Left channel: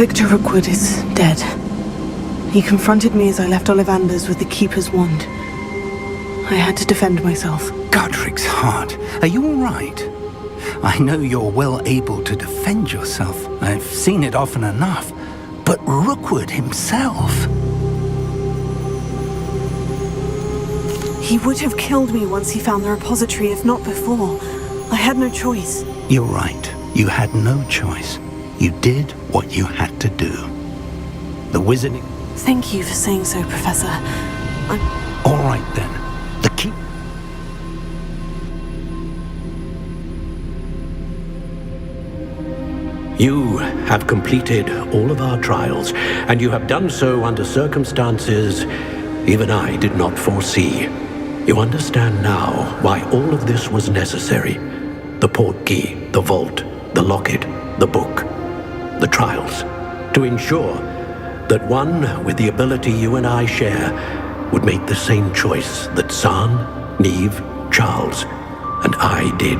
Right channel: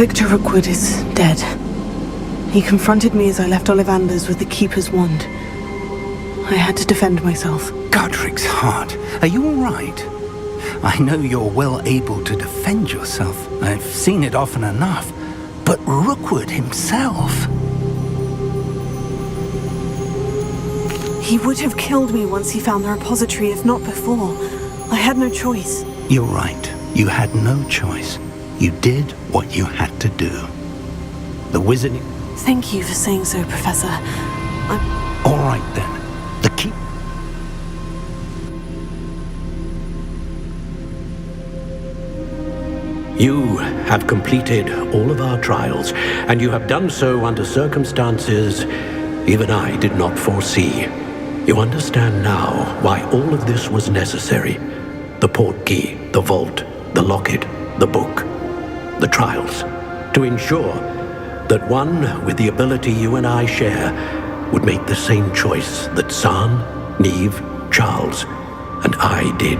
Victor Rookwood is dead. He confronted me as I left Ollivander's with the Keeper's wand. I had to defend myself. Godric's heart. Are you all right? I know you're well able to defend yourself. I've seen it often enough. But Rookwood himself... He would have killed me once he found the repository, if not before. I had no choice. You're right. You had no choice. You did what you had to do. The wizarding... Thank you for saying so, Professor. I'm... All right, then. The keep... You have completed all of our trials, and you have done so under circumstances even I did not foresee. You understand now why all of this was necessary. The portkey, the vault, the locket, the book, the trials. To ensure that one with the ability you and I share would make the same choice that San, Neve, Charles, and I did.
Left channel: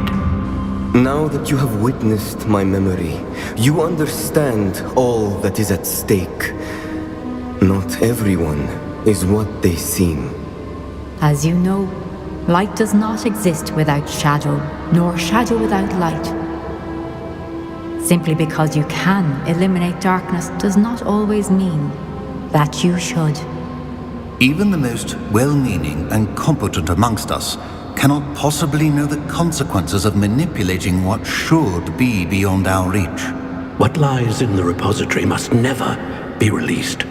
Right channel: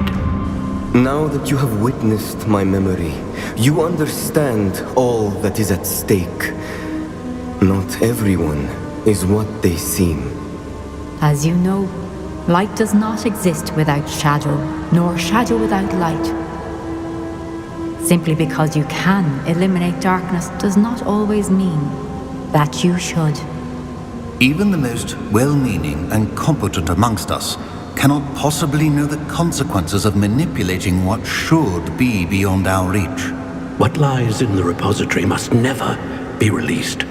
Now that you have witnessed my memory, you understand all that is at stake. Not everyone is what they seem. As you know, light does not exist without shadow, nor shadow without light. Simply because you can eliminate darkness does not always mean that you should. Even the most well-meaning and competent amongst us cannot possibly know the consequences of manipulating what should be beyond our reach. What lies in the repository must never be released.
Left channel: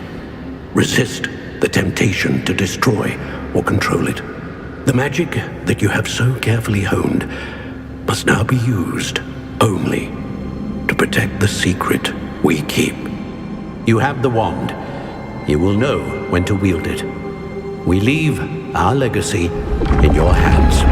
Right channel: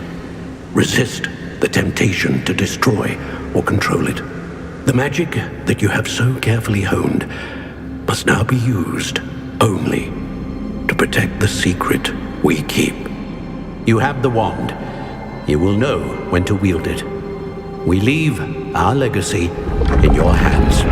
Resist the temptation to destroy or control it. The magic that you have so carefully honed must now be used only to protect the secret we keep. You have the wand. You will know when to wield it. We leave our legacy in your hands.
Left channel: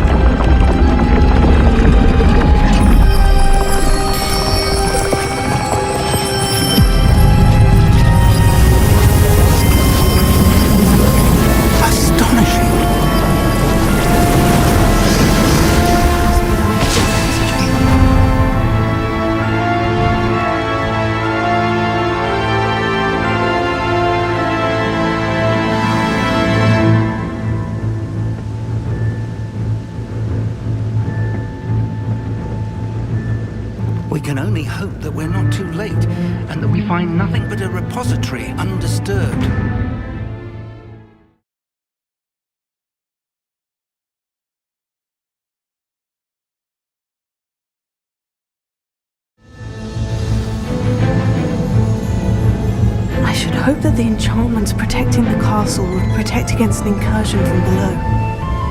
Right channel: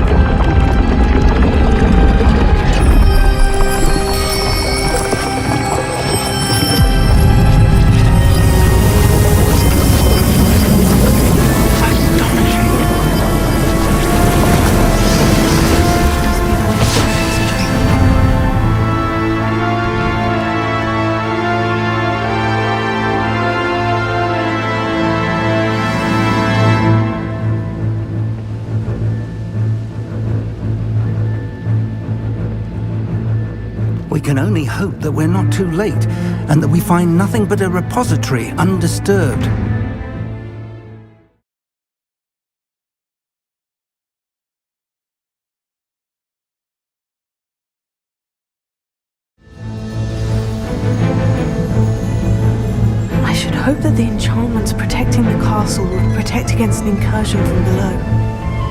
We can only hope that we're not too late, and that we find nothing but a repository undisturbed. I should hope that the enchantments protecting the castle would protect against an incursion from below.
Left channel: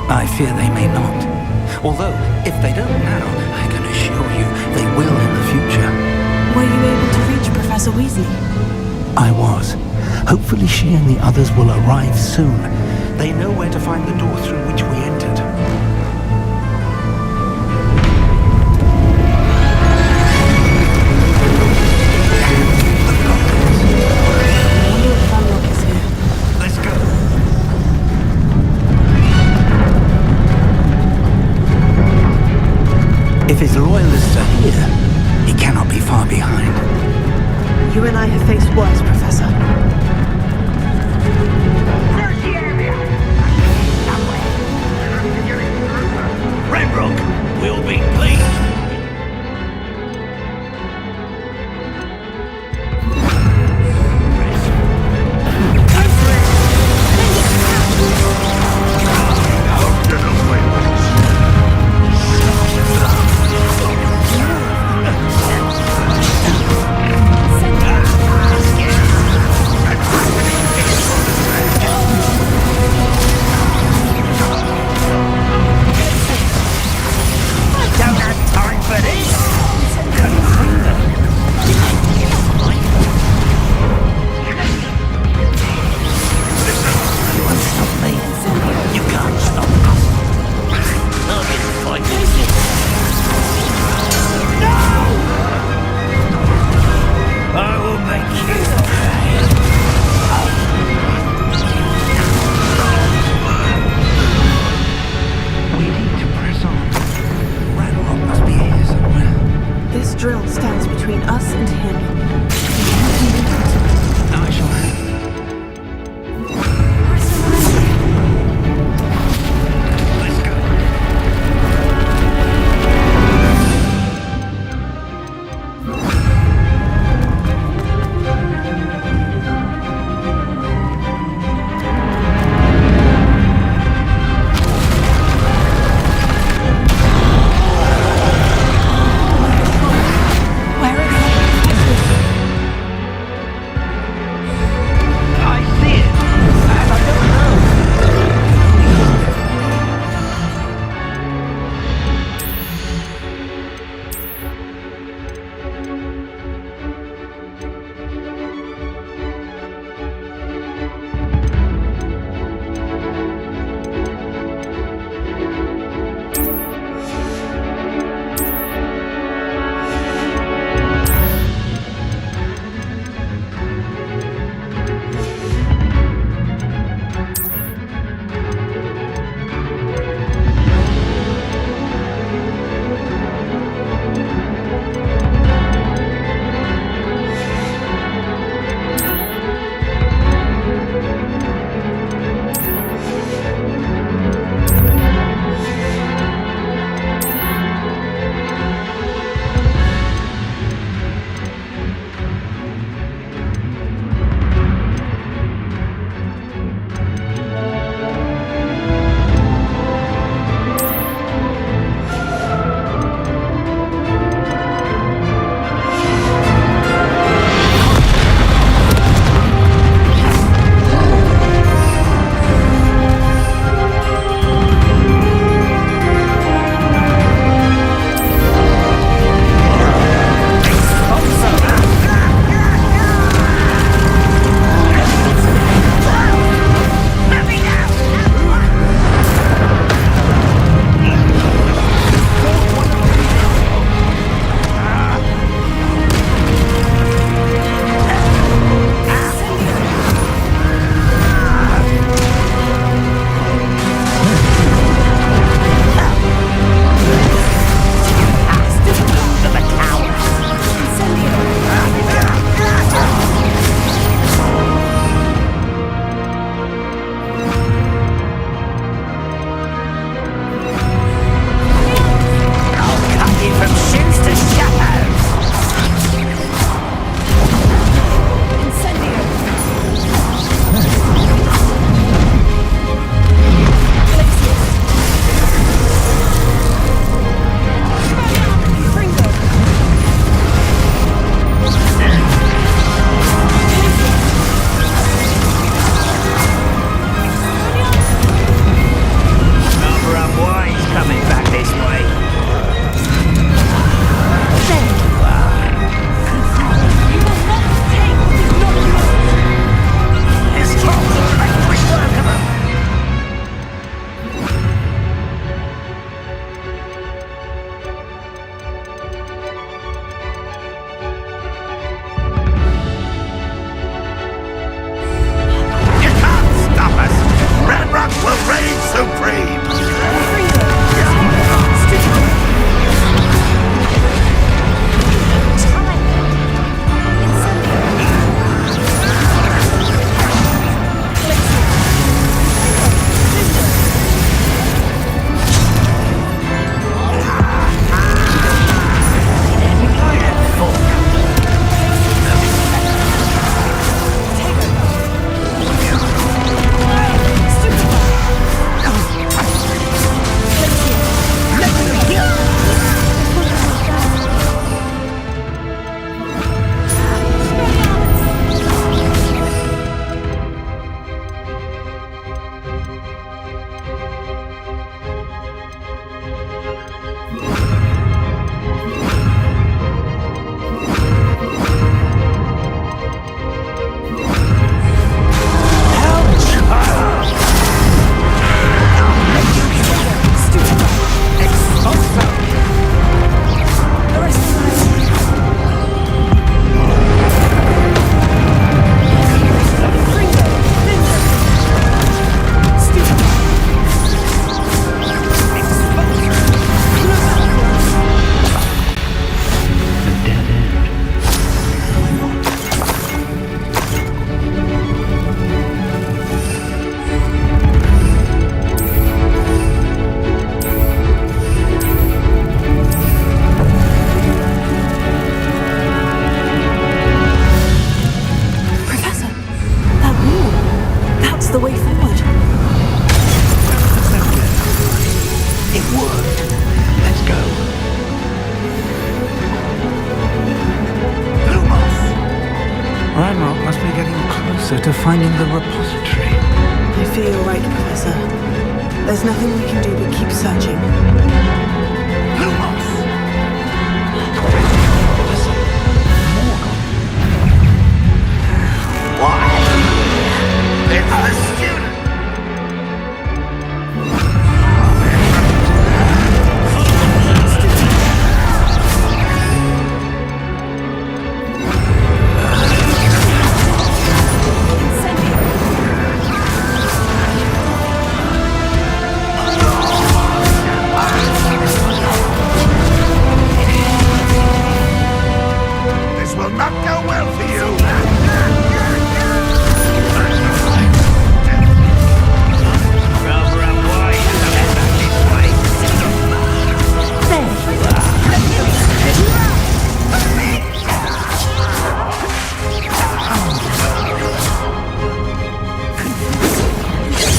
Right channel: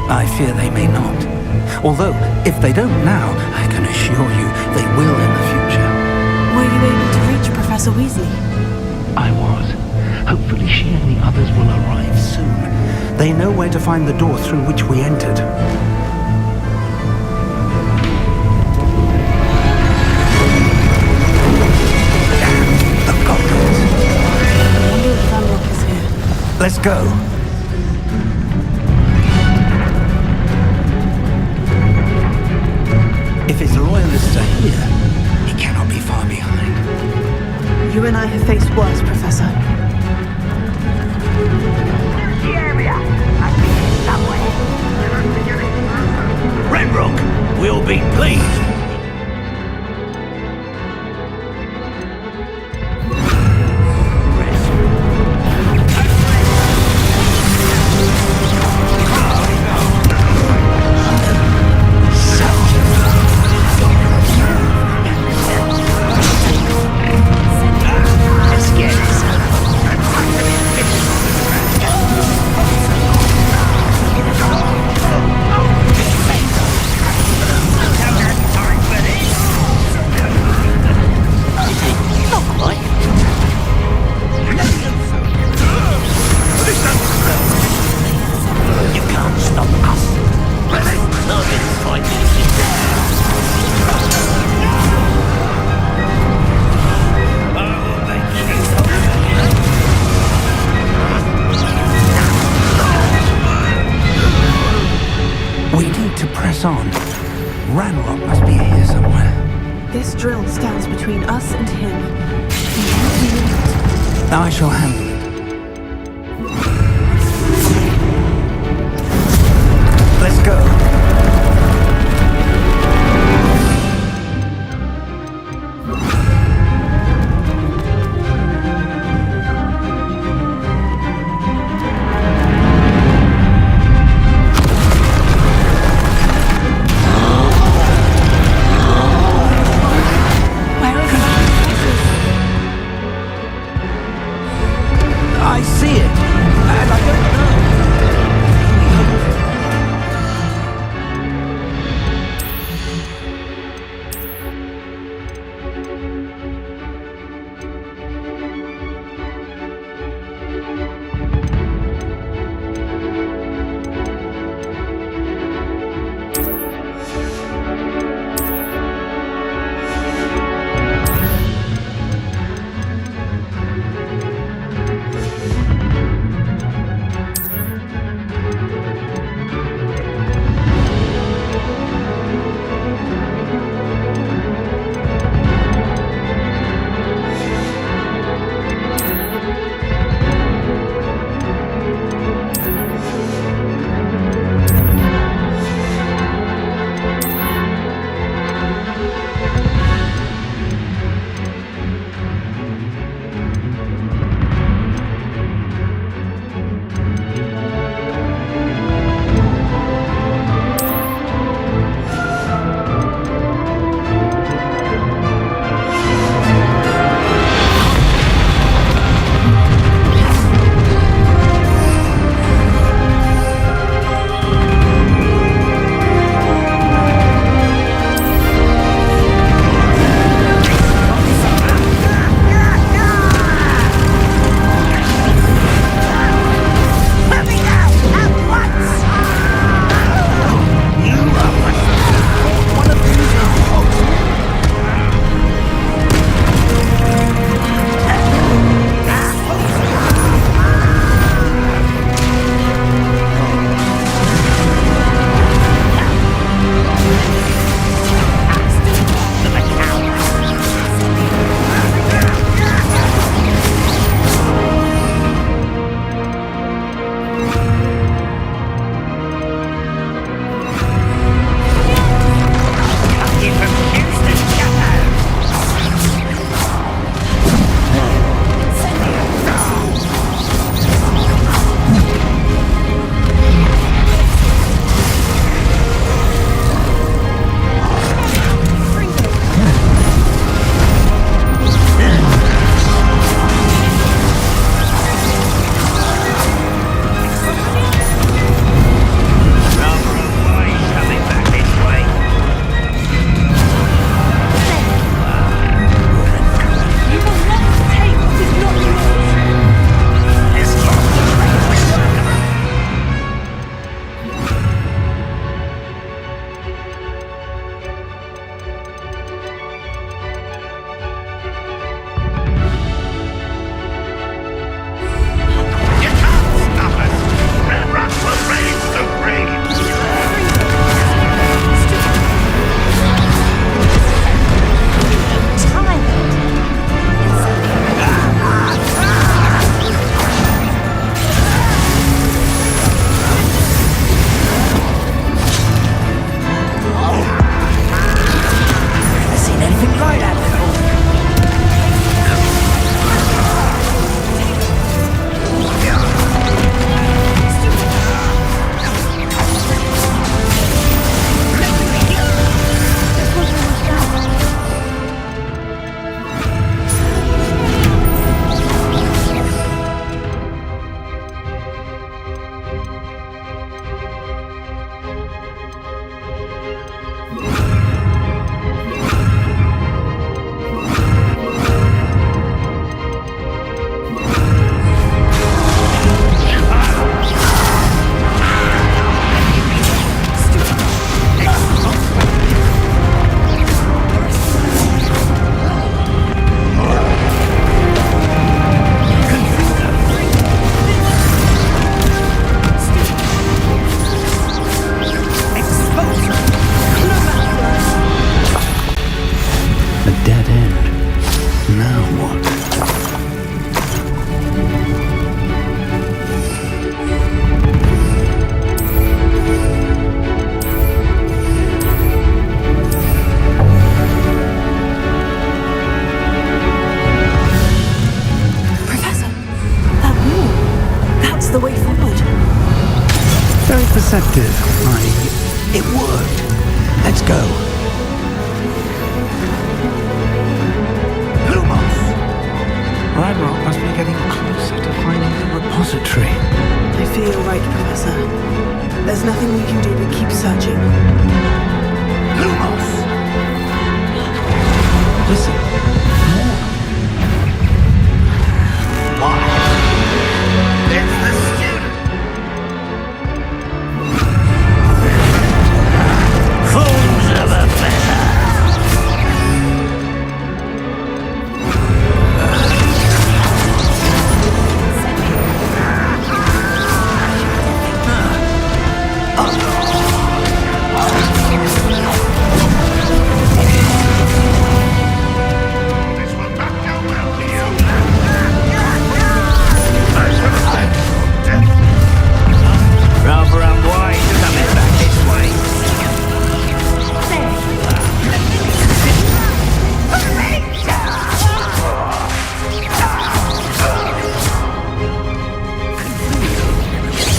I fear they may not. Although, if they don't now, I can assure you they will in the future. Were you able to reach Professor Weasley? I was. Hopefully she and the others will arrive soon. They know where to find the door through which we entered. Damn, the goblins. I wonder if Vanrock is here. Let's go. If his loyalists are here, he cannot be far behind. You and I have faced worse, Professor. Search the area! Must be here somewhere. We must be getting closer. Ranrock will be pleased. This drill stands between us and him. Now I shall handle it. Let's go. Where are the other professors? I see it, and I don't know. I can only hope they're right. the way forward. Very perceptive. It worked. Let's go. Lumos! Ranrock must be getting closer to finding the repository. I fear you're right, Professor. There's nothing we can do but keep searching. Lumos! Listen, Morgan. What happened here? It's the student! Fools of a This will not go well for you.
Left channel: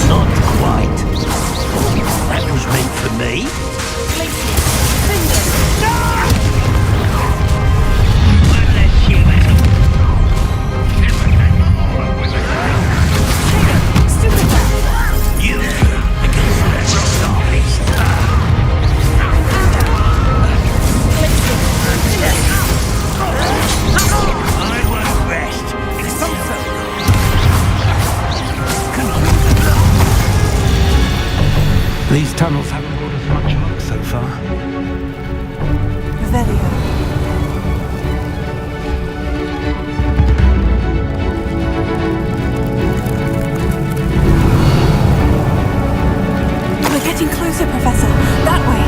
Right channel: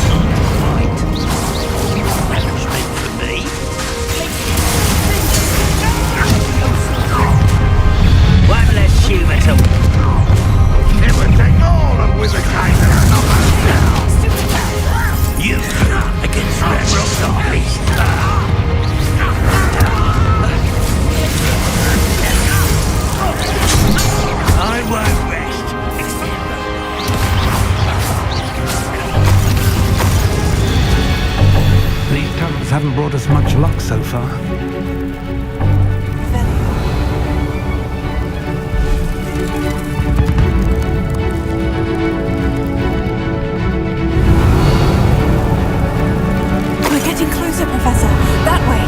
Not quite. That was meant for me. One less shoe at all. Everything all up with the You two against Red Rock's armies. Rest. These tunnels haven't brought us much luck so far. Revelio. We're getting closer, Professor. That way.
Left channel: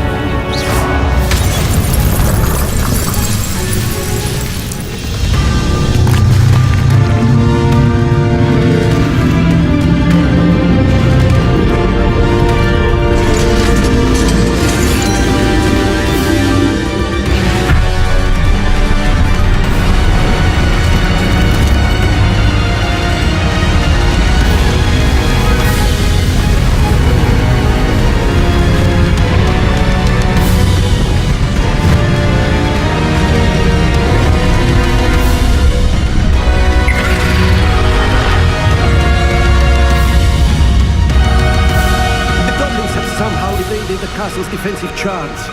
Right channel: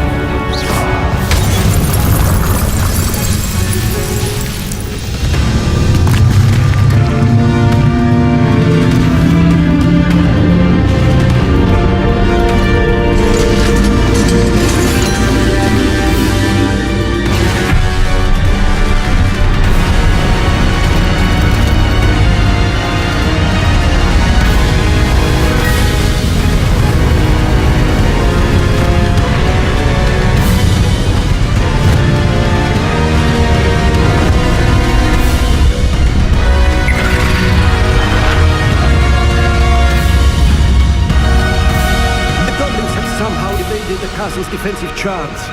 The goblins have somehow evaded the castle's defensive charms.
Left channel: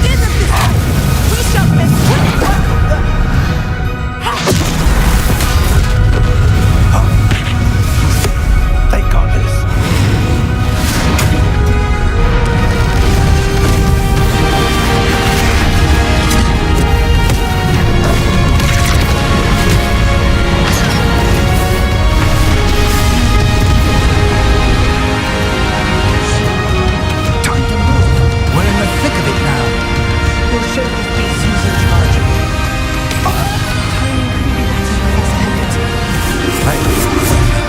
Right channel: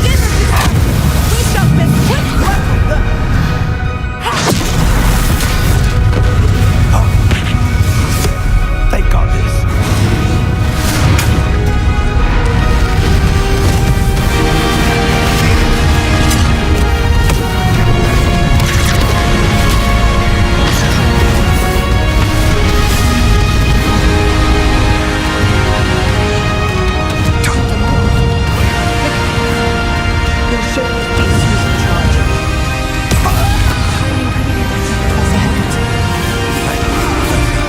Steer them this way! We shall make quick work of them! They've got this. Time to move. We're in the thick of it now. We'll show these beasts who's in charge. Timing couldn't be better, Professor Heckert. Thank you, Professor.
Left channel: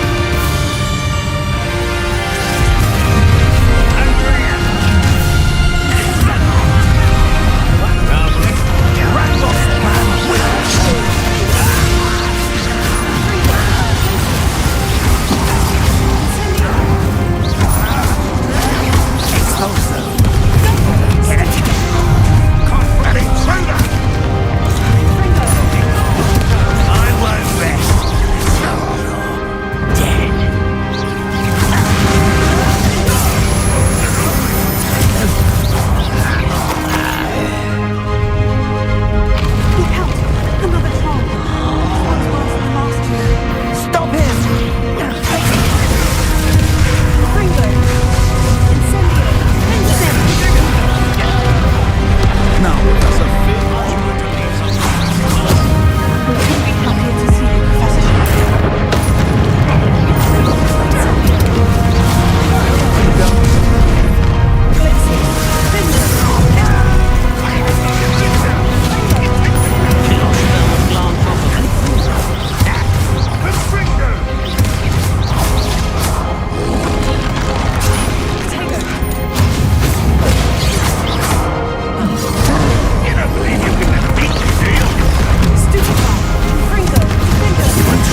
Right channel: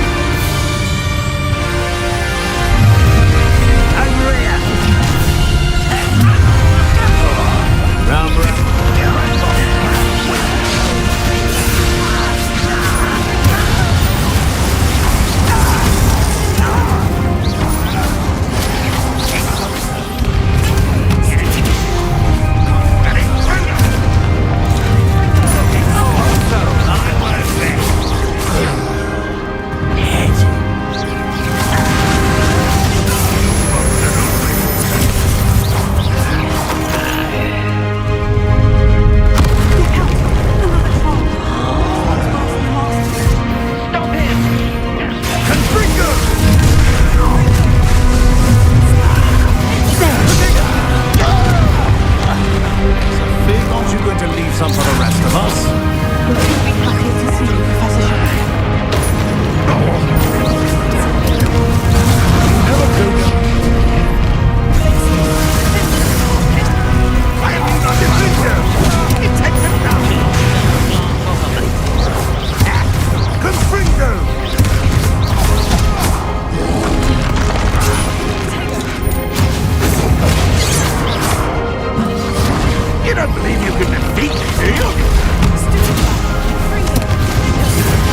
Look out! Another troll! This one's worse than the last two. Stop it! Ringo! Incendio! Now, Professor Fig, aren't you going to leave some for the rest of us? We couldn't be happier to see you, Professor Sharp. Kill spell glance off of me. Stupefy! Fringo! Fingers!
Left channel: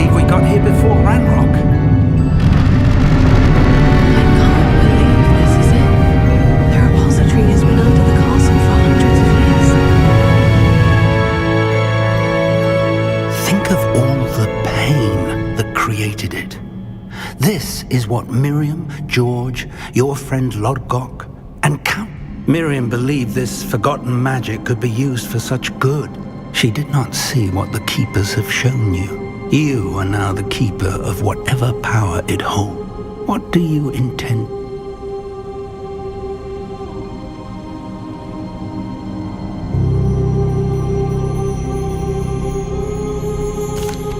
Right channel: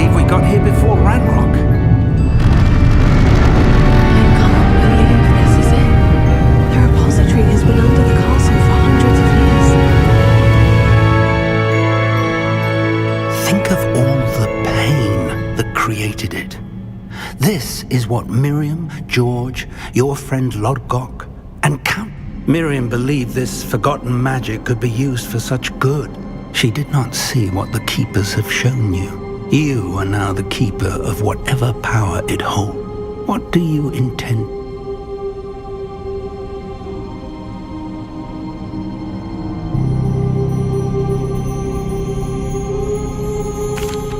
believe we got here before Ranrock. I can't believe this is it. The repository has been under the castle for hundreds of years. Think of all the pain that created it. This is what Miriam, George, your friend Lodgok, and Count... Miriam believed this forgotten magic could be used for such good. She did not see what the Keepers have shown you. You are now the Keeper of whatever power it holds. What do you intend?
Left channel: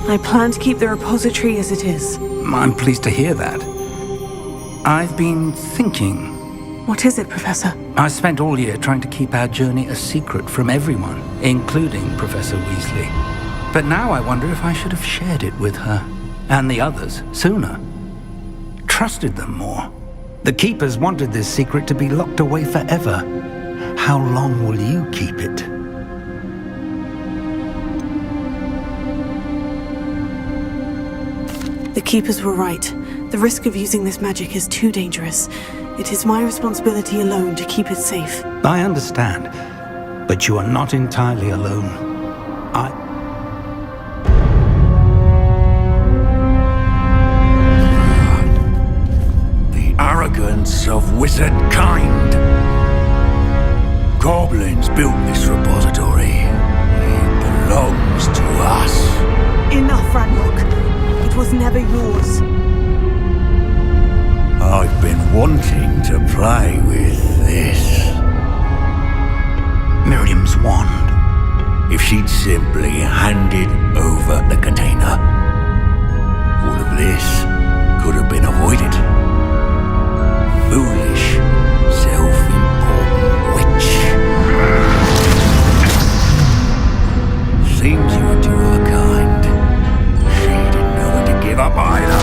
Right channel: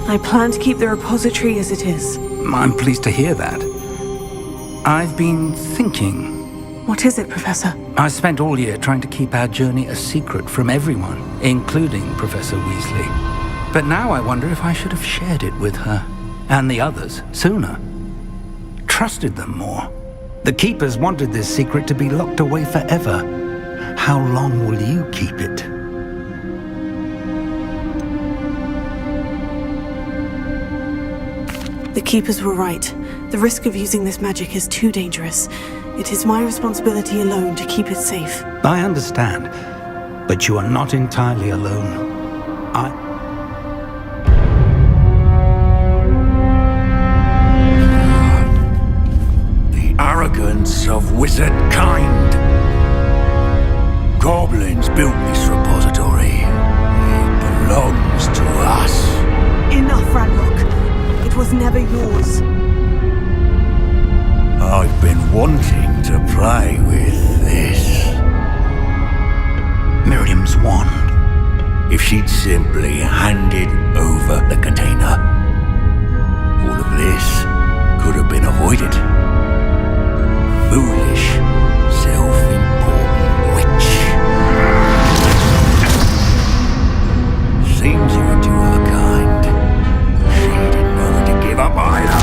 I plan to keep the repository as it is. I'm pleased to hear that. I've been thinking. What is it, Professor? I spent all year trying to keep our journey a secret from everyone, including Professor Weasley. But now I wonder if I should have shared it with her, and the others, sooner. Trusted them more. The Keepers wanted this secret to be locked away forever. How long will you keep it? The Keepers were right. The risk of using this magic is too dangerous. It is my responsibility alone to keep it safe. I understand, but you are not entirely alone. The arrogance of wizard kind. Goblins built this repository. It belongs to us. Enough, Ranrock. It was never yours. I've been wanting to play with this. Miriam's wand. If she'd simply handed over the container, all of this could have been avoided. Foolish, self-important witch. Seems you were two of a kind. She didn't know when to give up either.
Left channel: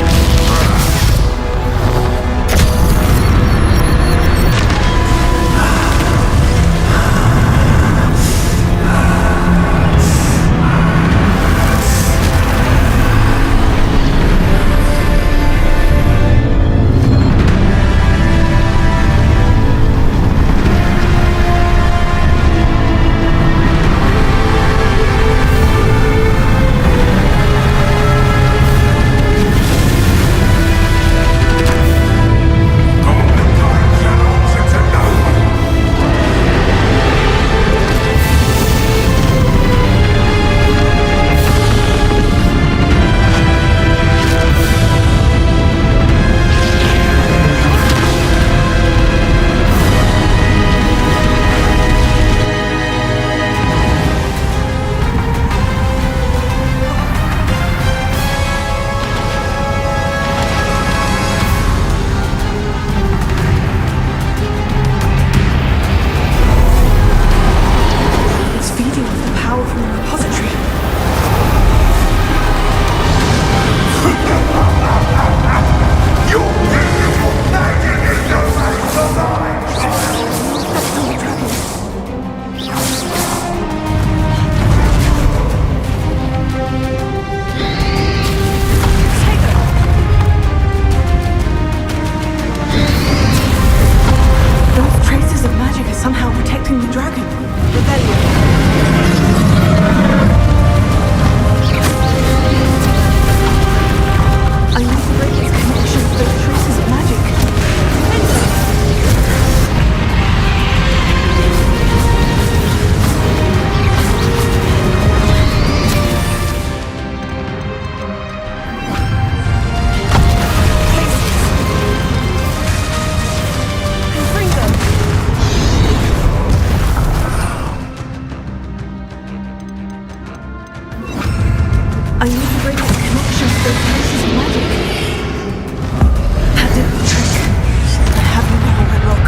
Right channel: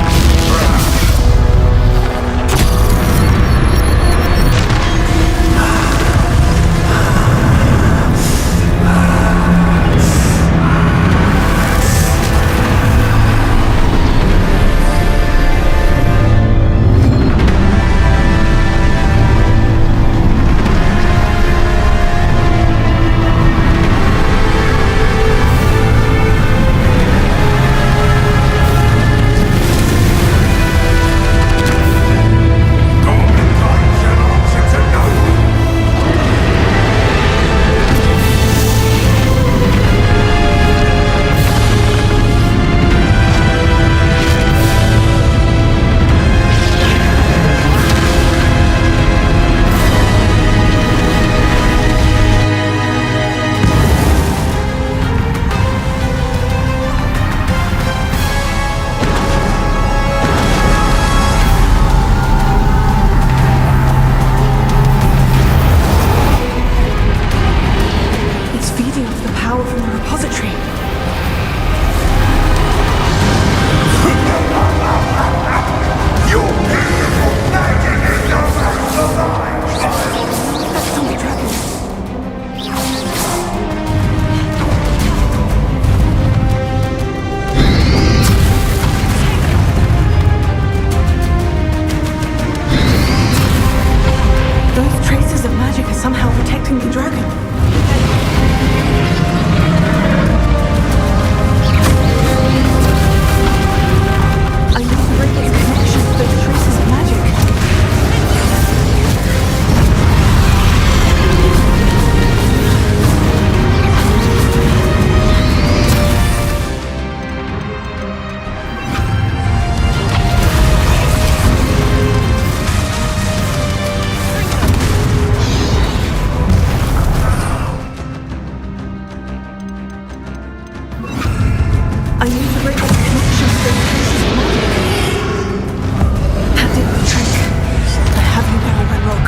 It's feeding off the power from the repository. Your beautiful magic is just like the line! That's from the dragon. Those traces of magic are somehow protecting the dragon. I need to break its connection to those traces of magic. I need to break its connection to those traces of magic. That did the trick. I have you now, Ranrock.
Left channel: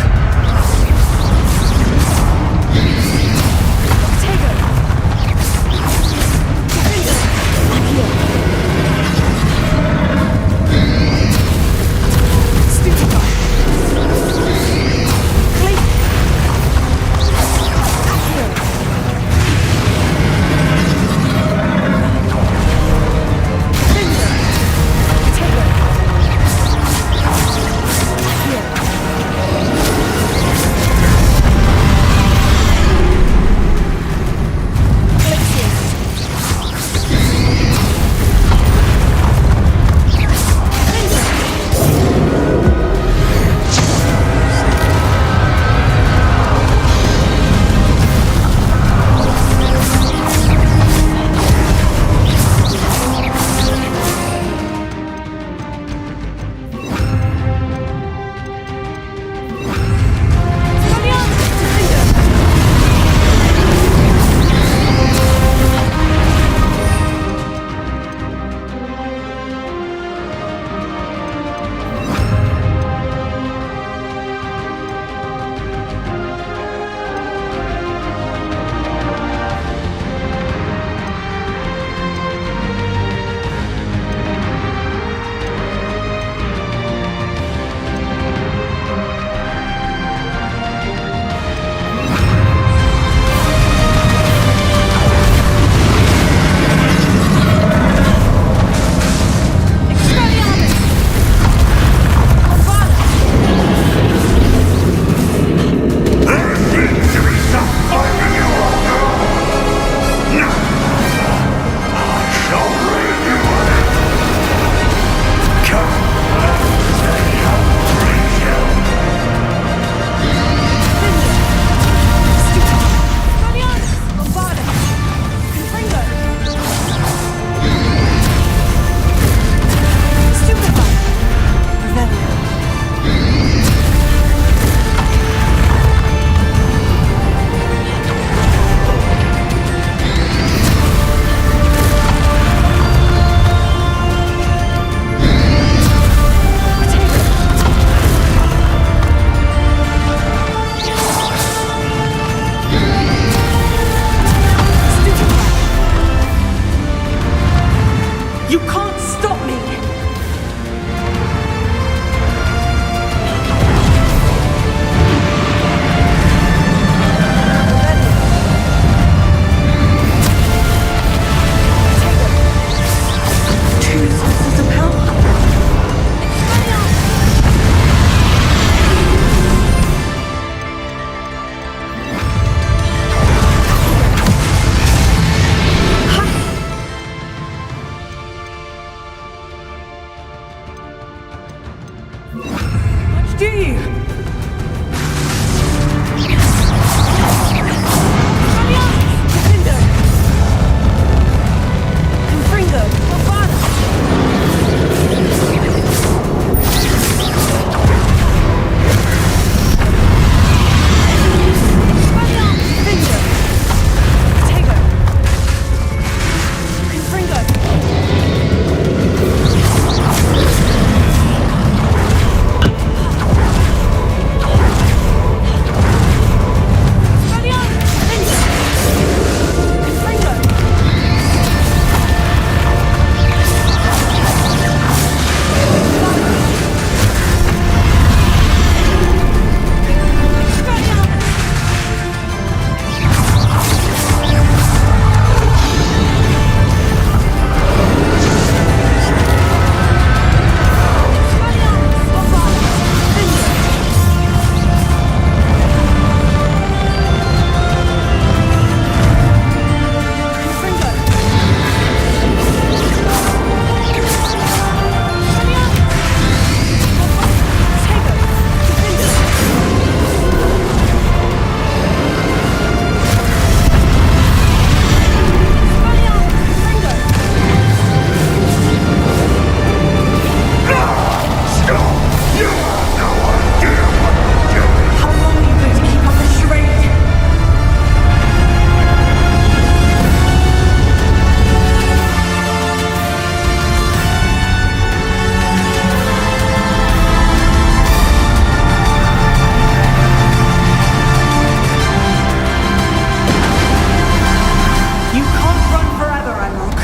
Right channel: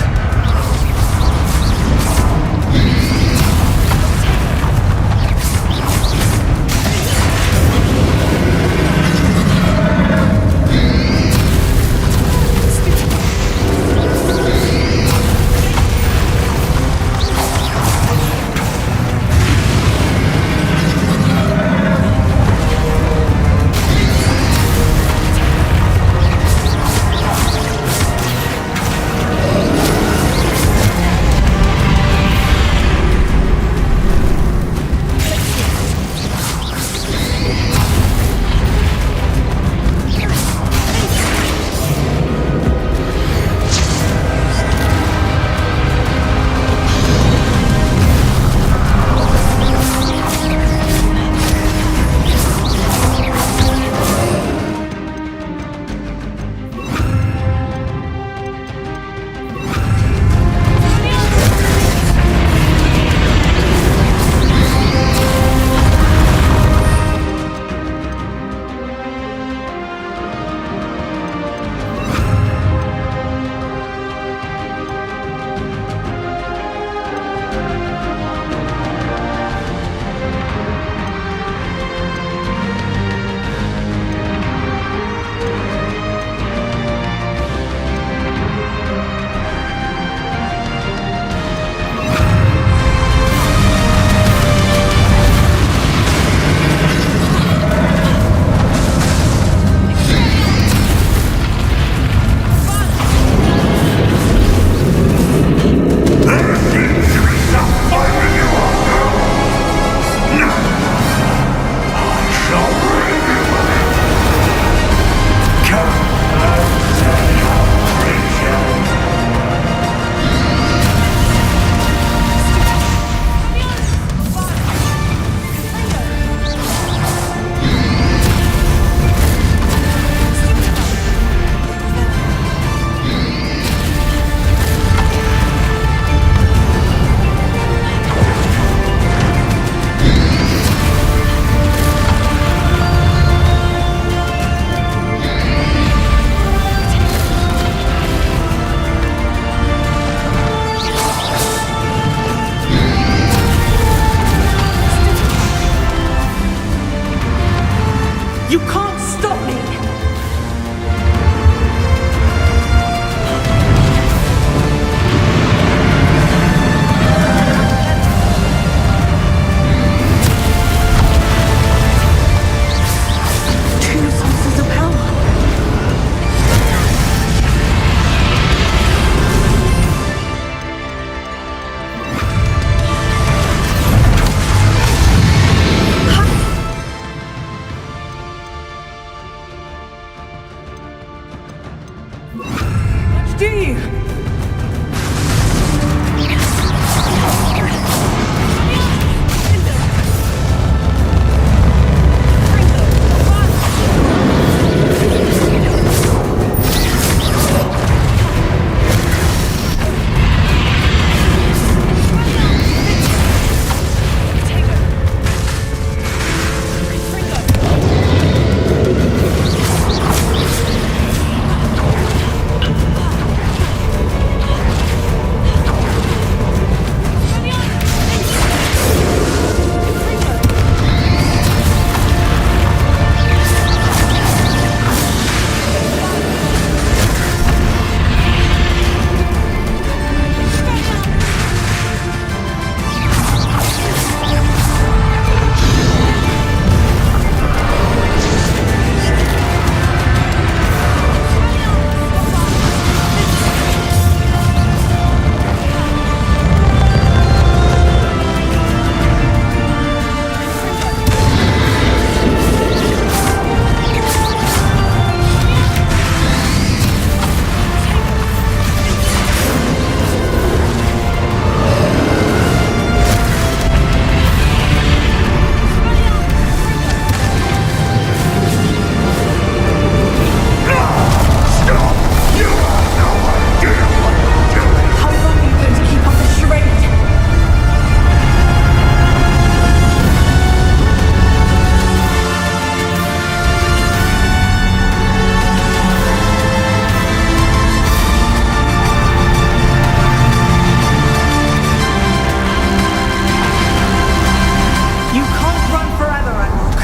run forever, Ranrock.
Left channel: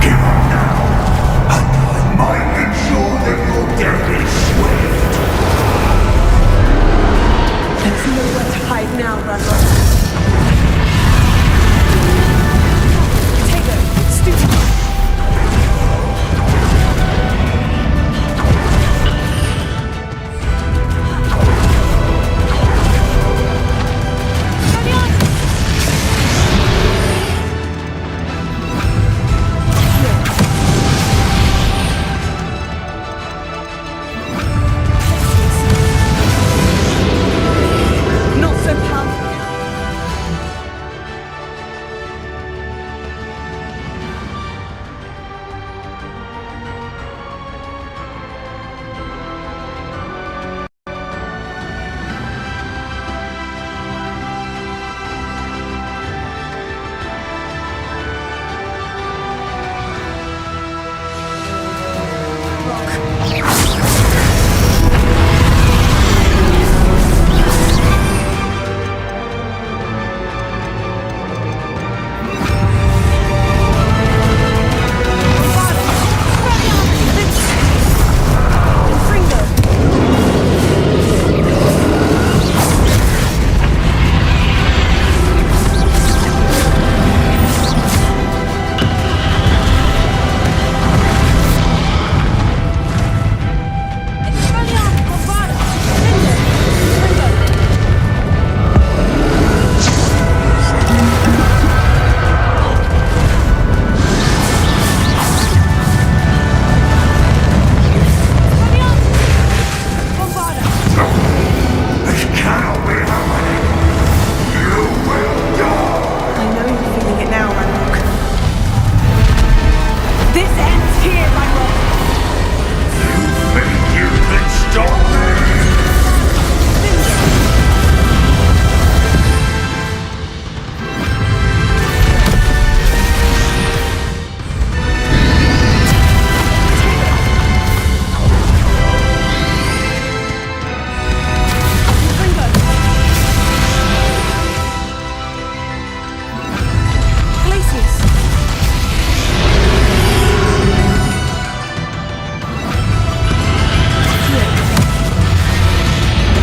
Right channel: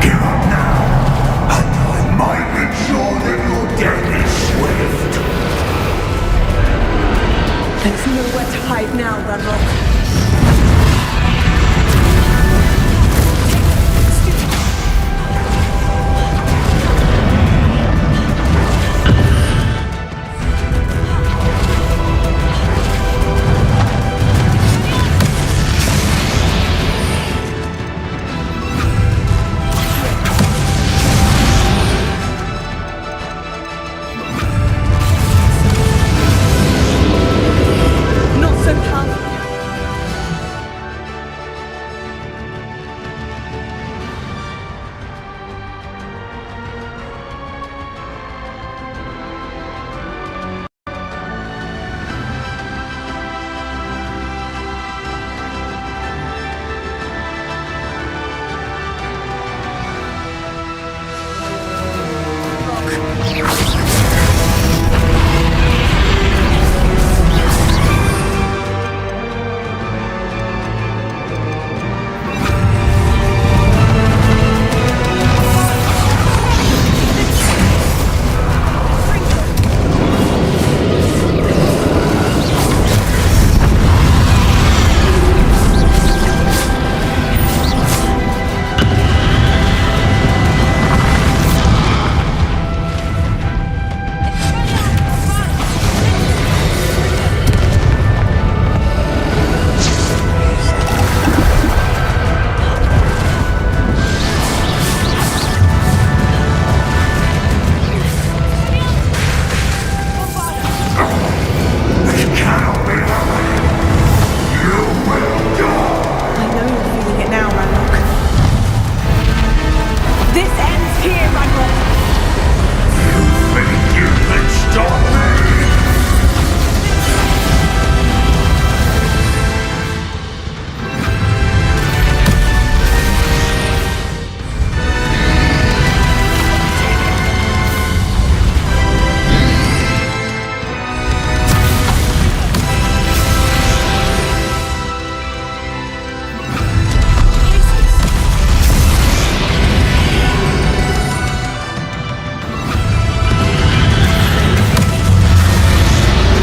Give up now, and I might ensure that your death is swift. There's nowhere to hide now, Ranrock. Take it, stupid. Not so powerful now.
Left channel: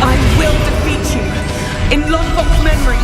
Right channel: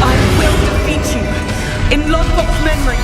I will defeat you in Lodbock's memory.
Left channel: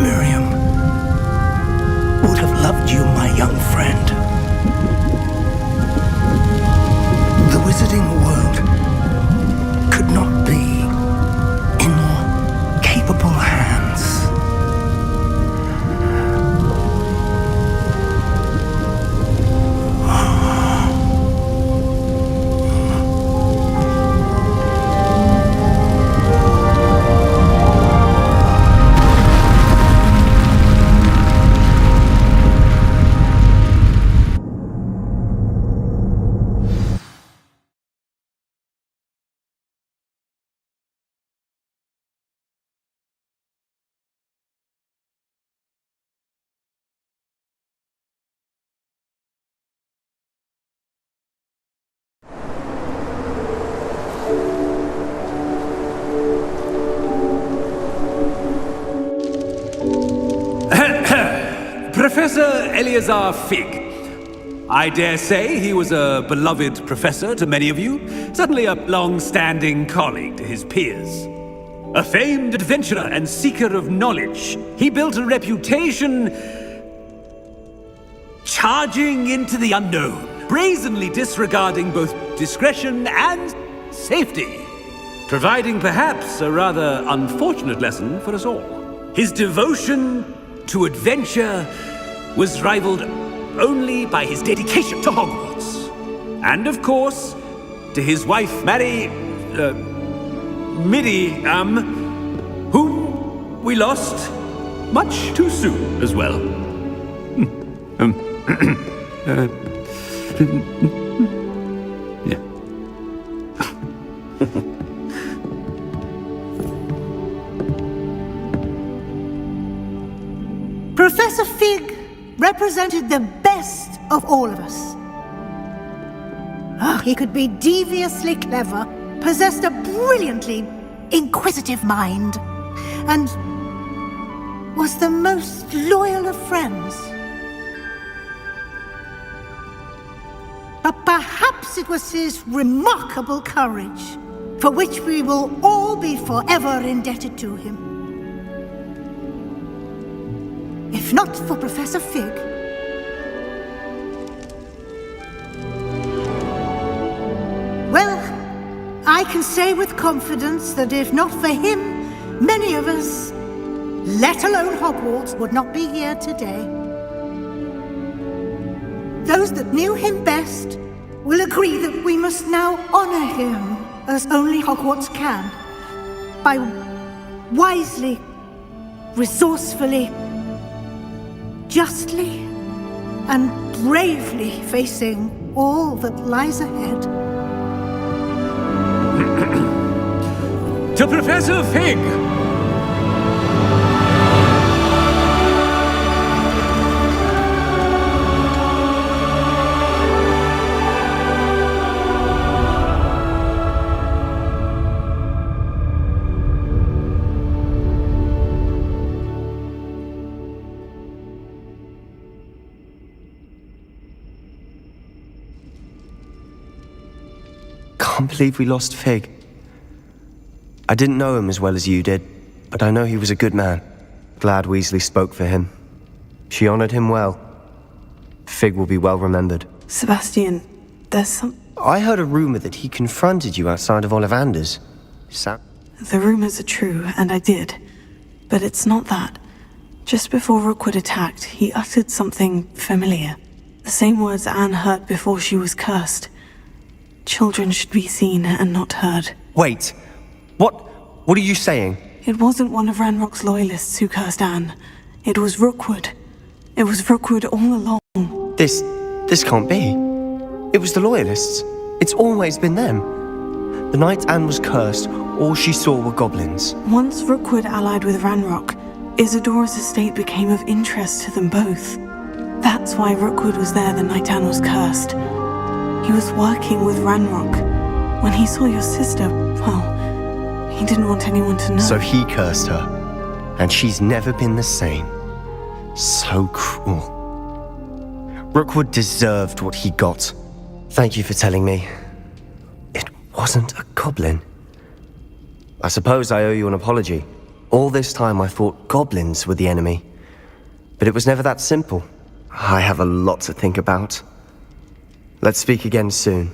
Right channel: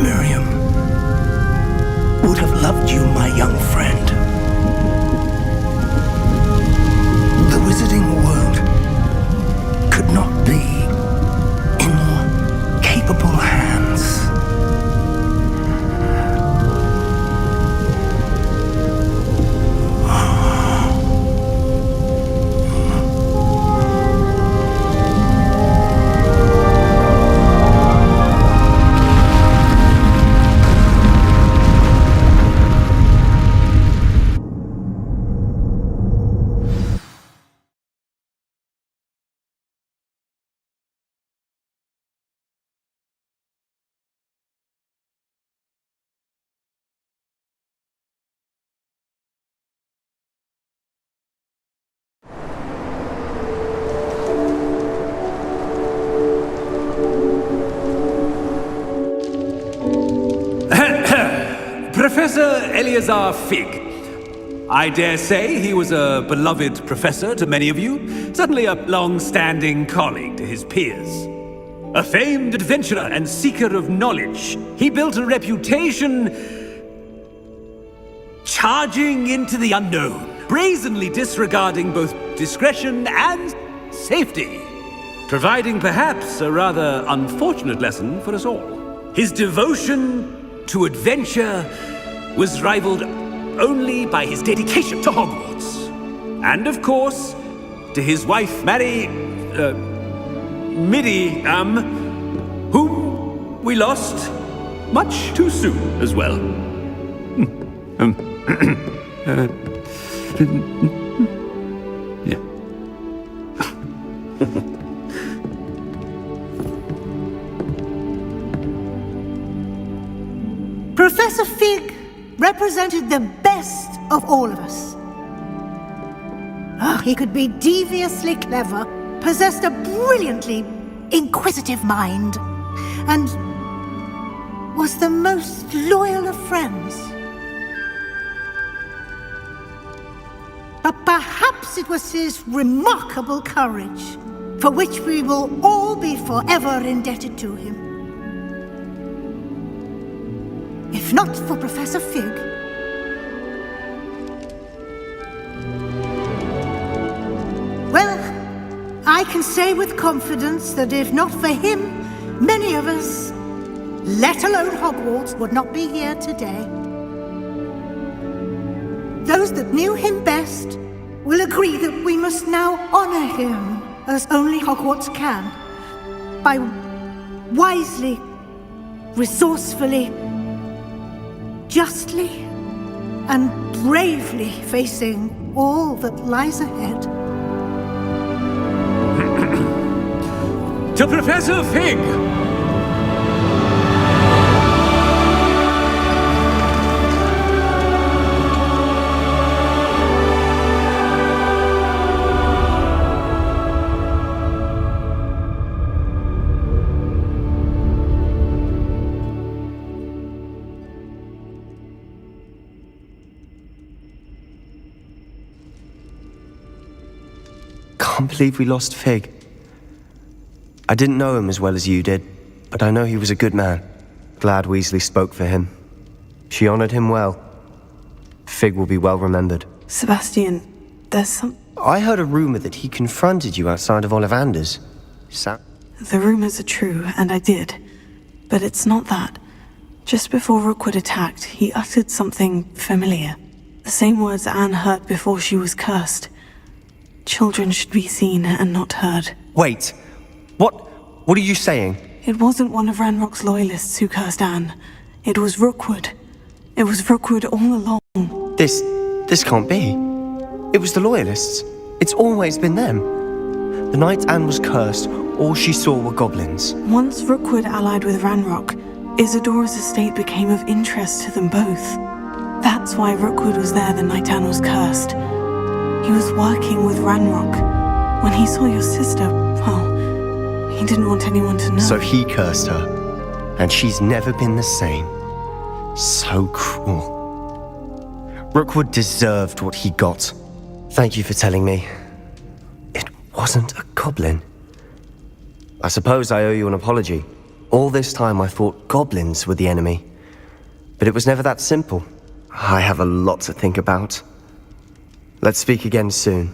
Miriam would have loved you, my young friend. The wizarding world could not be in more capable hands. Professor Eleazar Fig. I dare say he was a beloved professor to many of you, certainly a long-standing colleague to his peers. A famed adventurer and seeker of knowledge, he built a reputation charging into the unknown, brazenly disregarding both discretion and safety, providing perhaps a rather unfortunate lesson for us all. His devotion to adventure was rivaled only by his dedication to Hogwarts. And of course, to his wife, Miriam, whom we lost much too soon as well. Yeah. Professor Fig represented the best of all of us. He could be deviously clever, possessed a brilliantly inquisitive mind, and was the most loyal of friends. But perhaps it was his remarkable courage, for which we will all be forever indebted to him. If not for Professor Fig, well, I can say with confidence that if not for him, many of us, let alone Hogwarts, would not be here today. Those that knew him best will agree that we must now honor him as only Hogwarts can, by wisely, resourcefully, justly and bravely facing all that lies ahead. To Professor Fig! I can't believe we lost Fig. I didn't know him as well as you did, but I know he was a good man. Glad Weasley spoke for him. She honored him well. Fig will be well remembered. Sebastian, there's some... I heard a rumor that he confronted you outside of Ollivander's. The rumors are true, and I did. But it's not that. Just before Rookwood attacked, he uttered something familiar. The same words Anne heard before she was cursed. Children should be seen and not heard. Wait. What are you saying? It wasn't one of Ranrock's loyalists who cursed Anne. It was Rookwood. It was Rookwood all along. This can't be. It was the loyalists. It's always been them. The night Anne was cursed, all she saw were goblins. Once Rookwood allied with Ranrock, Isadora's estate became of interest to them both. That's why Rookwood was there the night Anne was cursed. He was working with Ranrock. When he saw your sister, well, he didn't want anyone to know. So he cursed her, and she's never been the same. So cruel. Rookwood deserved what he got. Thank you for telling me. It wasn't a goblin. I suppose I owe you an apology. All this time I thought goblins were the enemy. But it was never that simple. I have a lot to think about. Let's speak again soon.